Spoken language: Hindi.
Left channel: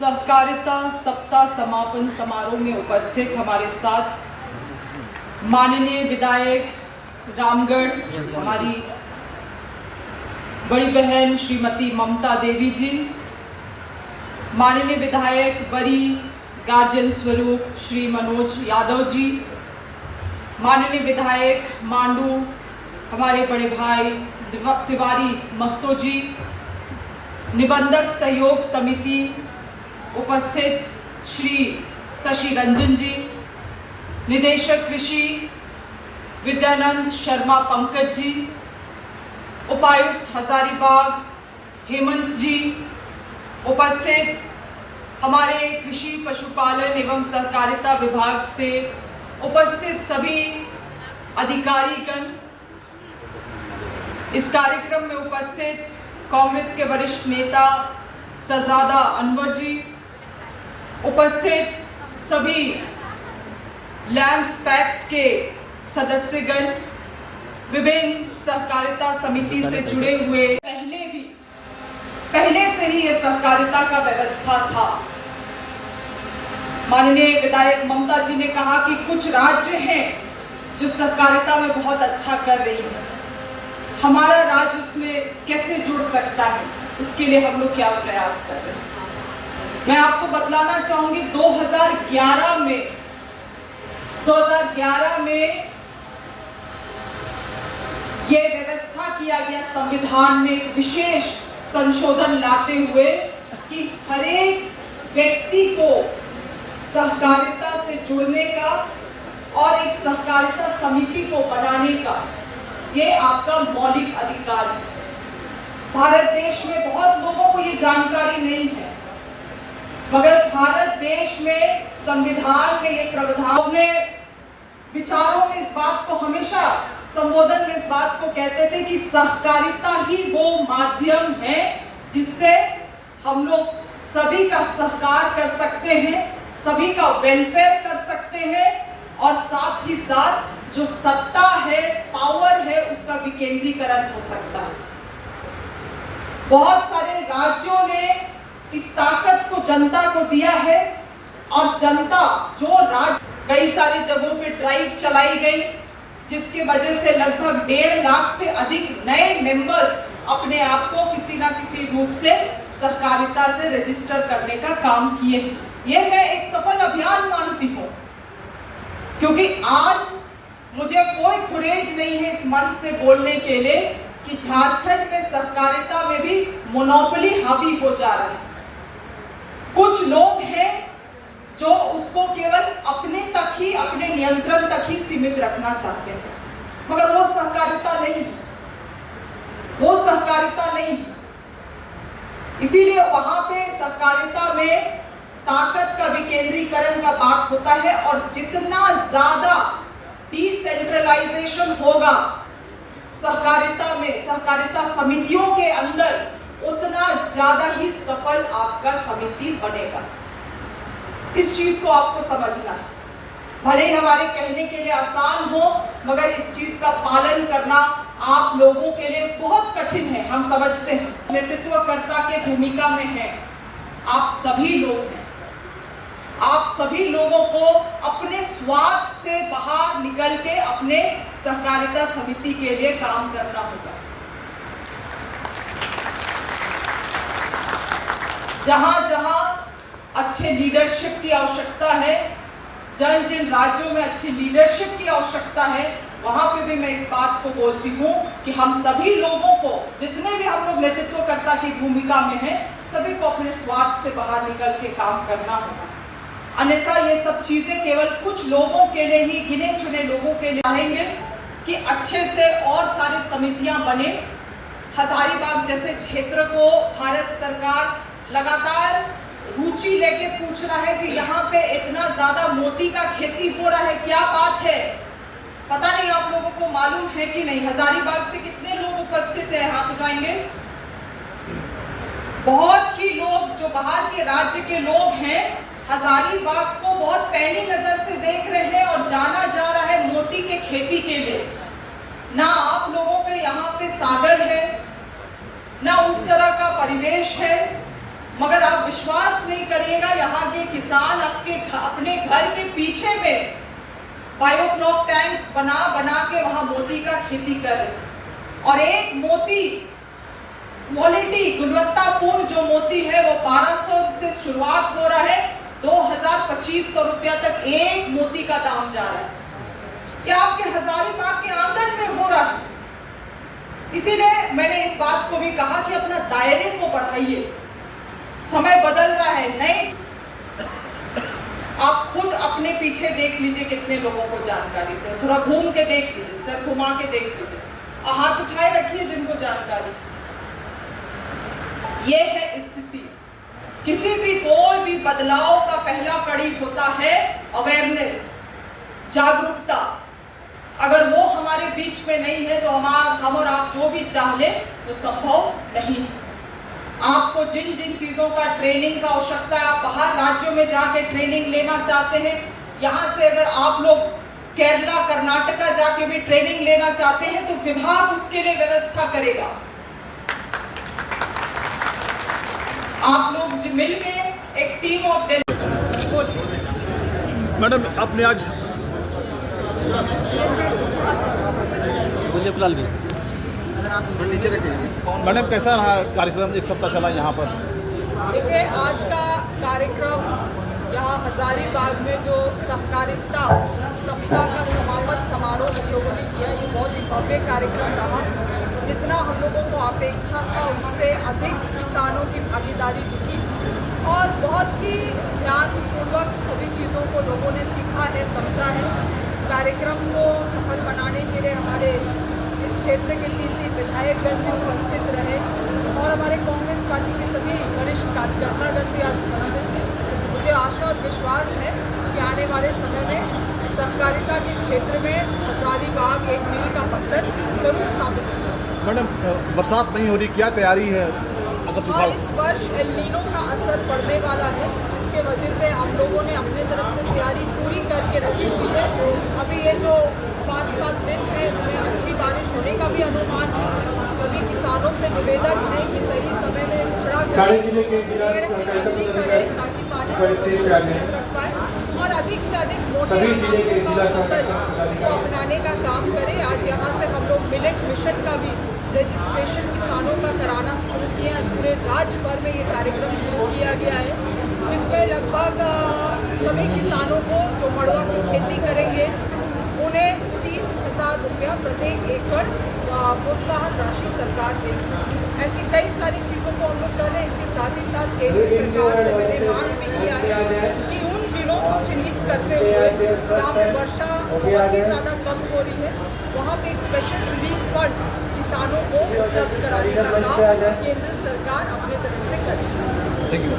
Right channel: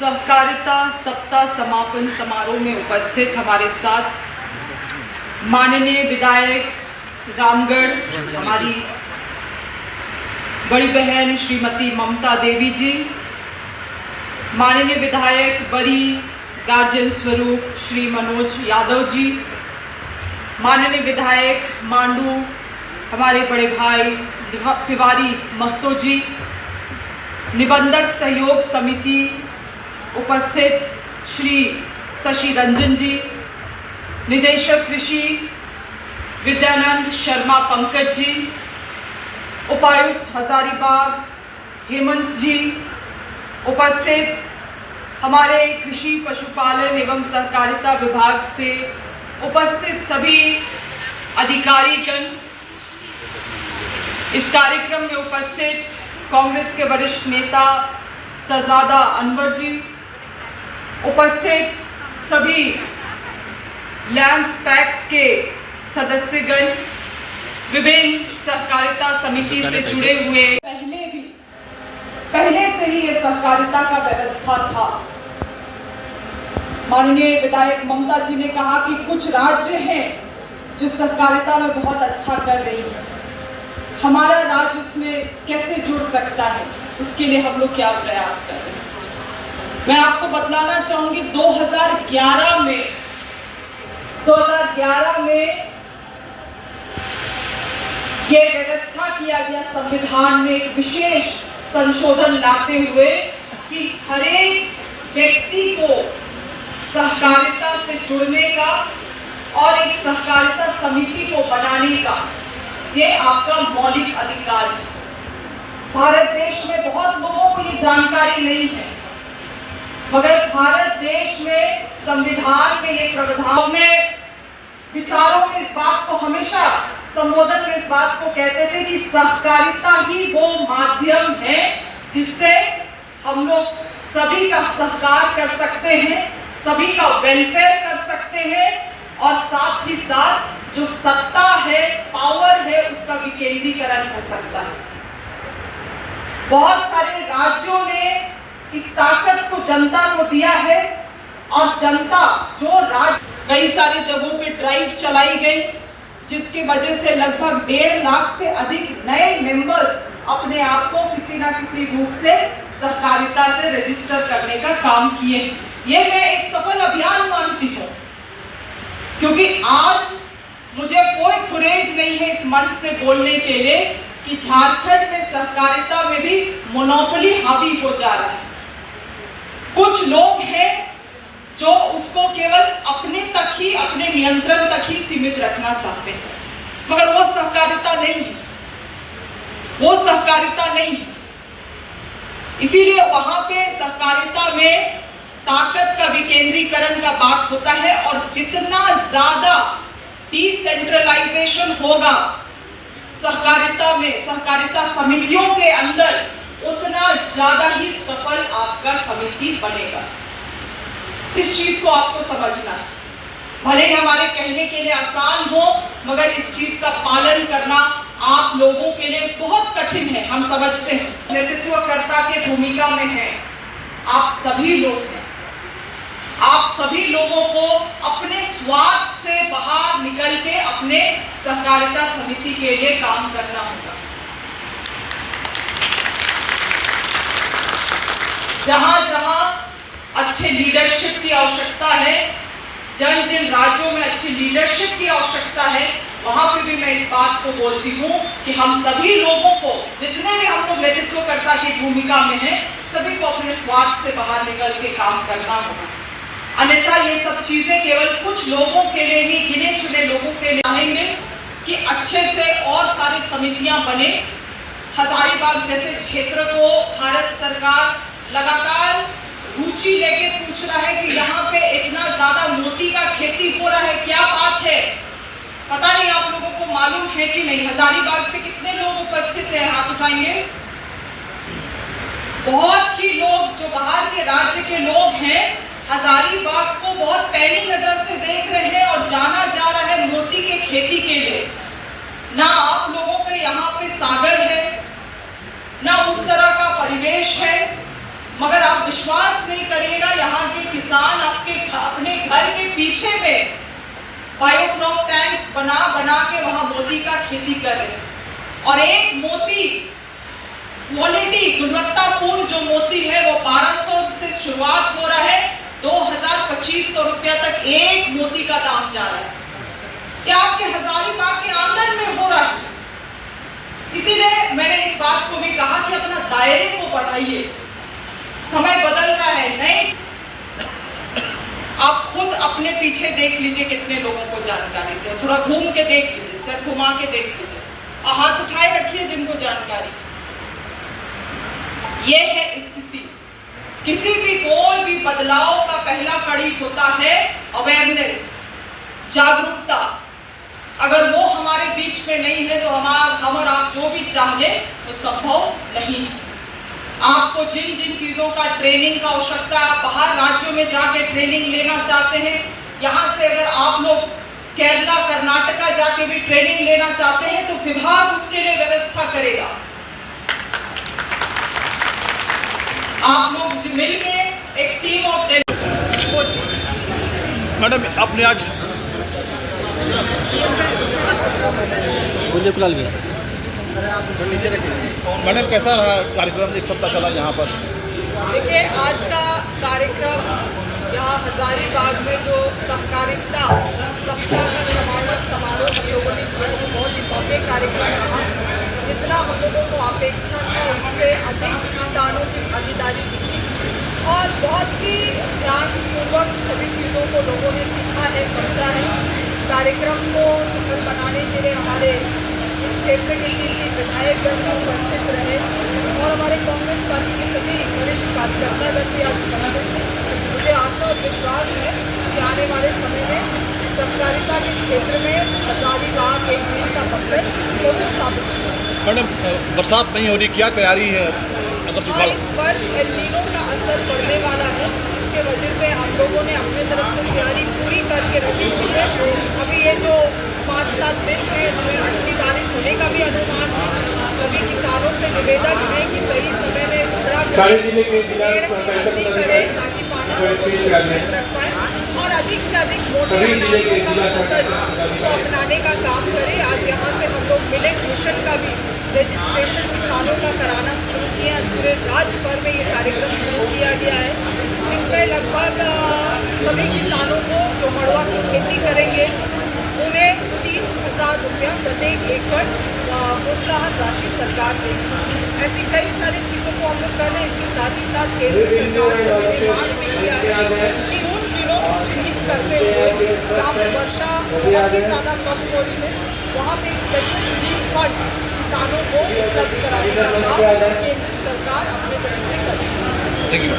सहकारिता सप्ताह समापन समारोह में उपस्थित हमारे साथ माननीय विधायक रामगढ़ हमारी बड़ी बहन श्रीमती ममता देवी जी, माननीय विधायक बरी गार्जियन स्वरूप श्री मनोज यादव जी, माननीय विधायक मांडू हमारे बड़े भाई तिवारी महतो जी, निबंधक सहयोग समिति उपस्थित श्री शशि रंजन जी, निदेशक कृषि विद्यानंद शर्मा पंकज जी, उपायुक्त हजारीबाग हेमंत जी, उपस्थित हमारे कृषि पशुपालन एवं सहकारिता विभाग से उपस्थित सभी अधिकारीगण, इस कार्यक्रम में उपस्थित कांग्रेस के वरिष्ठ नेता शहजादा अनवर जी, उपस्थित सभी लैम्प्स पैक्स के सदस्यगण, विभिन्न सहकारिता समिति से जुड़े हुए, पहले से ही ये सहकारिता का व्यवस्था था। माननीय विधायक ममता जी ने कहा कि कुछ राज्य हैं जो सहकारिता में बहुत अच्छा कर रही है, हमारा राज्य उसमें कैसे जुड़ सकता है, उसके लिए हम लोग क्या प्रयास कर रहे हैं। मैं आपको बतलाना चाहूंगी 2011 में ये व्यवस्था किया गया संविधान में एक विशेष संशोधन लाते हुए कि हर एक व्यक्ति को सहकारिता से जुड़ने का और एक सहकारिता समिति को बनाने का ये आपका मौलिक अधिकार है। भारत देश में बहुत लोगों को ये जानकारी नहीं है, मगर भारत देश में संविधान में ये प्रावधान में विचारों में इस बात को हमेशा संबोधन में इस बात को कहते थे कि सहकारिता ही वो माध्यम है जिससे हम लोग सभी का सहकार कर सकते हैं, सभी का वेलफेयर कर सकते हैं और साथ ही साथ जो सत्ता है, पावर है, उसका विकेंद्रीकरण हो सकता है। बहुत सारे राज्यों ने इस ताकत को जनता को दिया है और जनता जो राज्य कई सारी जगहों पे ड्राइव चलाई गई, जिसकी वजह से लगभग 1.5 लाख से अधिक नए मेंबर्स अपने आप को किसी ना किसी रूप से सहकारिता से रजिस्टर करने का काम किए। ये मैं एक सफल अभियान मानती हूँ, क्योंकि आज मुझे कोई गुरेज नहीं है इस मंच से बोलने के लिए कि झारखंड में सहकारिता में भी मोनोपोली हावी हो जा रहा है। कुछ लोग हैं जो उसको केवल अपने तक ही, अपने नियंत्रण तक ही सीमित रखना चाहते हैं, मगर वो सहकारिता नहीं है, वो सहकारिता नहीं है। इसीलिए वहां पे सहकारिता में ताकत का विकेंद्रीकरण का बात होता है और जितना ज्यादा डिसेंट्रलाइजेशन होगा सहकारिता में, सहकारिता समितियों के अंदर, उतना ज्यादा ही सफल आपका समिति बनेगा। इस चीज को आपको समझना है। भले ही हमारे कहने के लिए आसान हो, मगर इस चीज का पालन करना आप लोगों के लिए बहुत कठिन है, हम समझते हैं। नेतृत्वकर्ता के भूमिका में है आप सभी लोग हैं। आप सभी लोगों को अपने स्वार्थ से बाहर निकल के अपने सहकारिता समिति के लिए काम करना होगा। जहां जहां अच्छे लीडरशिप की आवश्यकता है, जिन राज्यों में अच्छी लीडरशिप की आवश्यकता है, वहां पे भी मैं इस बात को बोलती हूँ कि हम सभी लोगों को, जितने भी हम लोग नेतृत्वकर्ता की भूमिका में हैं, सभी को अपने स्वार्थ से बाहर निकल के काम करना होगा। अन्यथा ये सब चीजें केवल कुछ लोगों के लिए ही, गिने चुने लोगों के लिए चाहेंगे कि अच्छे से और सारी समितियां बने। हजारीबाग जैसे क्षेत्र को भारत सरकार लगातार रुचि लेके पूछ रहा है कि यहाँ पे इतना ज्यादा मोती का खेती हो रहा है, क्या बात है? पता नहीं आप लोगों को मालूम है कि नहीं। हजारीबाग से कितने लोग उपस्थित हैं, हाथ उठाएंगे। बहुत ही लोग जो बाहर के राज्य के लोग हैं, हजारीबाग को बहुत पहली नजर से देख रहे हैं और जाना जा रहा है मोती के खेती के लिए। ना आप लोगों के यहाँ पे सागर है, ना उस तरह का परिवेश है, मगर आप विश्वास नहीं करिएगा, यहाँ के किसान अपने घर के पीछे में बायोफ्लॉक टैंक्स बना बना के वहां मोती का खेती कर रहे हैं। और एक मोती क्वालिटी गुणवत्तापूर्ण जो मोती है वो 1200 से शुरुआत हो रहा है, 2000-2500 रुपया तक एक मोती का दाम जा रहा है। क्या आपके हजारीबाग के आंगन में हो रहा है? इसीलिए मैंने इस बात को भी कहा कि अपना दायरे को बढ़ाइए, समय बदल रहा है। नहीं, आप खुद अपने पीछे देख लीजिए कितने लोगों को जानकारी दे, थोड़ा घूम के देख लीजिए, सर घुमा के देख लीजिए और हाथ उठाए रखिए जिनको जानकारी। ये है स्थिति। किसी भी कोई भी बदलाव का पहला कड़ी होता है अवेयरनेस, जागरूकता। अगर वो हमारे बीच में नहीं है तो हम और आप जो भी चाहे वो संभव नहीं है। आपको जिन जिन चीजों का ट्रेनिंग का आवश्यकता है, आप बाहर राज्यों में जाके ट्रेनिंग लेना चाहते हैं, यहाँ से अगर आप लोग केरला कर्नाटका जाके भी ट्रेनिंग लेना चाहते हैं तो विभाग उसके लिए व्यवस्था करेगा। आप लोग मिलके एक टीम ऑफ मैडम आपने आज मैडम कैसा रहा कार्यक्रम? एक सप्ताह चला यहाँ पर। देखिए, आज का कार्यक्रम यहाँ हजारीबाग में जो सहकारिता सप्ताह का समापन समारोह हम लोगों ने किया, वो बहुत ही भव्य कार्यक्रम रहा। जितना हम लोगों को अपेक्षा था उससे अधिक किसानों की भागीदारी दिखी और बहुत ही ध्यानपूर्वक सभी चीज़ों को लोगों ने सीखा है, समझा है। कार्यक्रम को सफल बनाने के लिए हमारे इस क्षेत्र के 3 विधायकगण भी उपस्थित रहे और हमारे कांग्रेस पार्टी के सभी वरिष्ठ कार्यकर्तागण भी आज उपस्थित थे। मुझे आशा और विश्वास है कि आने वाले समय में सहकारिता के क्षेत्र में हजारीबाग एक मील का पत्थर जरूर साबित होगा। मैडम बरसात नहीं हो रही, क्या तैयारी है? अगर इस वर्ष एल नीनो का असर पड़ने वाला है, जिसके वजह से हम लोगों ने अपने तरफ से तैयारी पूरी करके रखी हुई है। अभी ये जो 5-7 दिन है इसमें अच्छी बारिश होने का भी अनुमान है। सभी किसानों से निवेदन है कि सही समय में खड़ा करें, पेड़ की खेती करें ताकि पानी को सुरक्षित रख पाए और अधिक से अधिक मोटे अनाजों का फसल को अपनाने का काम करें। आज यहाँ से हम लोग मिलेट मिशन का भी रजिस्ट्रेशन किसानों का कराना शुरू किया। आज पूरे राज्य भर में ये कार्यक्रम शुरू किया गया है, जिसमें लगभग सभी किसानों को जो मड़ुआ की खेती करेंगे उन्हें 3000 रुपया प्रत्येक एकड़ प्रोत्साहन राशि सरकार देगी। ऐसी कई सारी चीज़ों को हम लोग कर रहे हैं। इसके साथ ही साथ केंद्र सरकार से मैंने मांग भी किया है कि उन जिलों को चिन्हित करते हुए जहाँ पर वर्षा बहुत ही ज़्यादा कम हो रही है, वहाँ पे एक स्पेशल रिलीफ फंड किसानों को उपलब्ध कराने का काम केंद्र सरकार अपने तरफ से करेगी।